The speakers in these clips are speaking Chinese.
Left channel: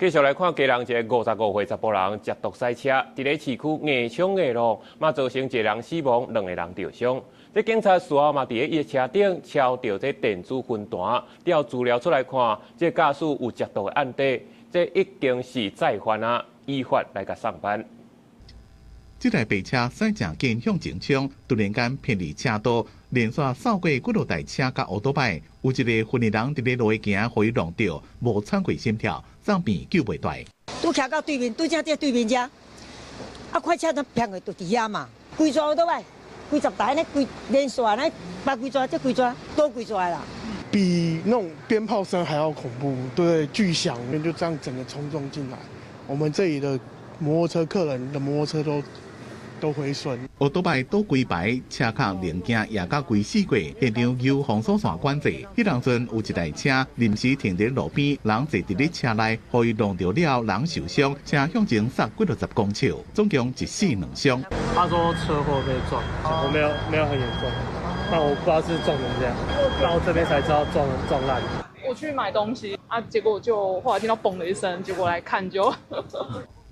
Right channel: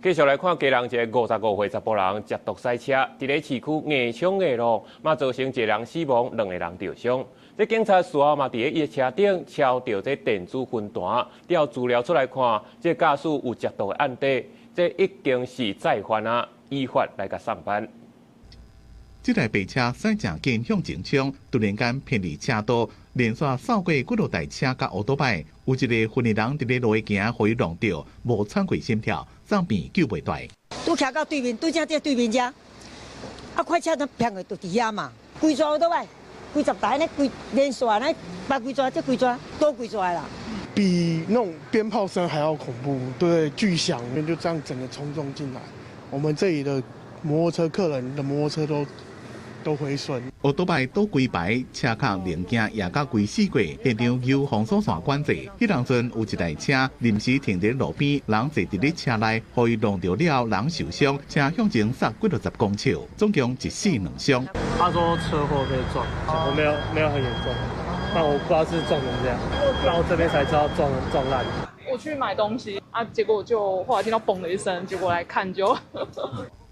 继续来看，家人一个55岁查甫人接毒赛车，伫咧市区硬冲硬路，嘛造成一个人死亡，2个人受伤。这警察事后嘛伫咧列车顶敲到这电子军弹，调资料出来看，这驾驶有接毒的案底，这已经是再犯啊，依法来甲上班。 这台白车驶正紧向前冲，突然间偏离车道，连续扫过几落台车甲乌托摆，有一个昏迷人伫咧路行，互伊撞到，无喘过心跳，走边救袂大。拄徛到对面，对正对面遮，啊，快车都劈过就伫遐嘛，规抓乌托摆，规十台咧，规连续咧，把规抓这规抓多规抓啦。比那种鞭炮声还要恐怖，对，巨响，就这样整个冲撞进来，我们这里的摩托车客人的摩托车都毁损。乌托摆倒规排，车壳零件也甲规死过，现场有防锁线管制。迄当阵有一台车临时停伫路边，人坐伫咧车内，互伊撞到了，人受伤，车向前杀几60公尺，总共1死2伤。他说车祸被撞，我没有很严重，但我不知道是撞成这样，然后这边才知道撞烂。我去买东西啊，结果就后来听到嘣的一声，结果来看就。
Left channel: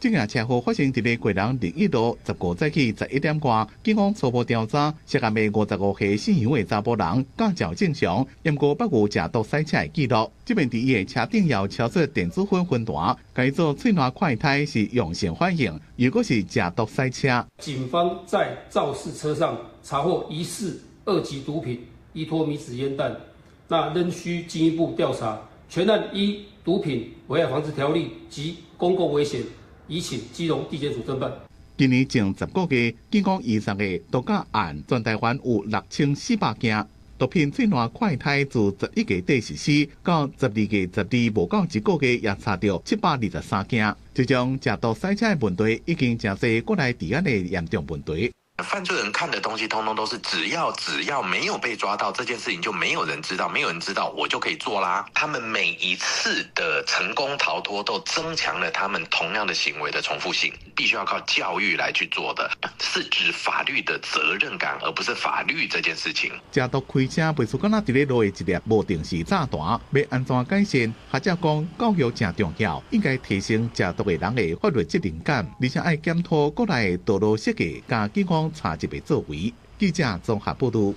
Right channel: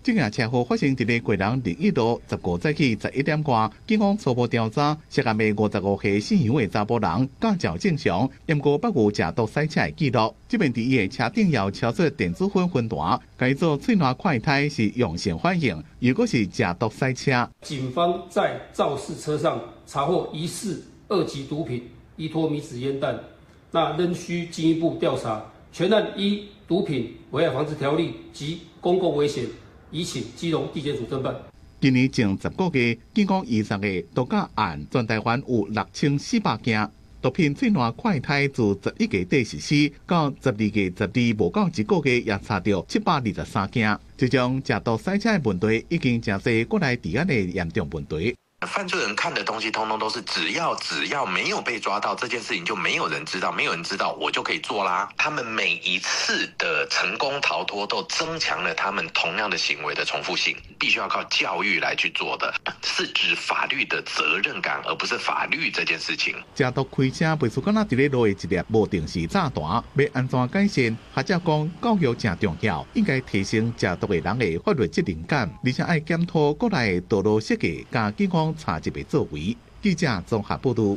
这件车祸发生伫咧贵人01路15早起11点外，警方初步调查，涉案的55岁姓杨的查甫人驾照正常，验过8无驾毒赛车的记录。这边伫伊的车顶要敲出电子分弹，改做最大快胎是用线反应，如果是驾毒赛车。警方在肇事车上查获疑似2级毒品依托米纸烟弹，那仍需进一步调查。全案依毒品危害防治条例及公共危险。 移请基隆地检署侦办。今年前10个月，警方20个毒驾案，全台湾有6400件。毒品最大快胎自11月底实施，到12月12无到1个月，也查到723件。这种食毒赛车的问题，已经真侪国内治安的严重问题。 犯罪人看的东西，通通都是只要没有被抓到这件事情，就没有人知道，没有人知道，我就可以做啦。他们每一次的成功逃脱，都增强了他们同样的行为的重复性，必须要靠教育来去做的，是指法律的责任感，而不是法律这件事情。食毒开车袂输敢若伫咧路的一粒无定时炸弹，要安怎改善？学者讲，教育正重要，应该提升食毒的人的法律责任感，而且爱检讨国内道路设计，甲警方查缉的作为。记者综合报道。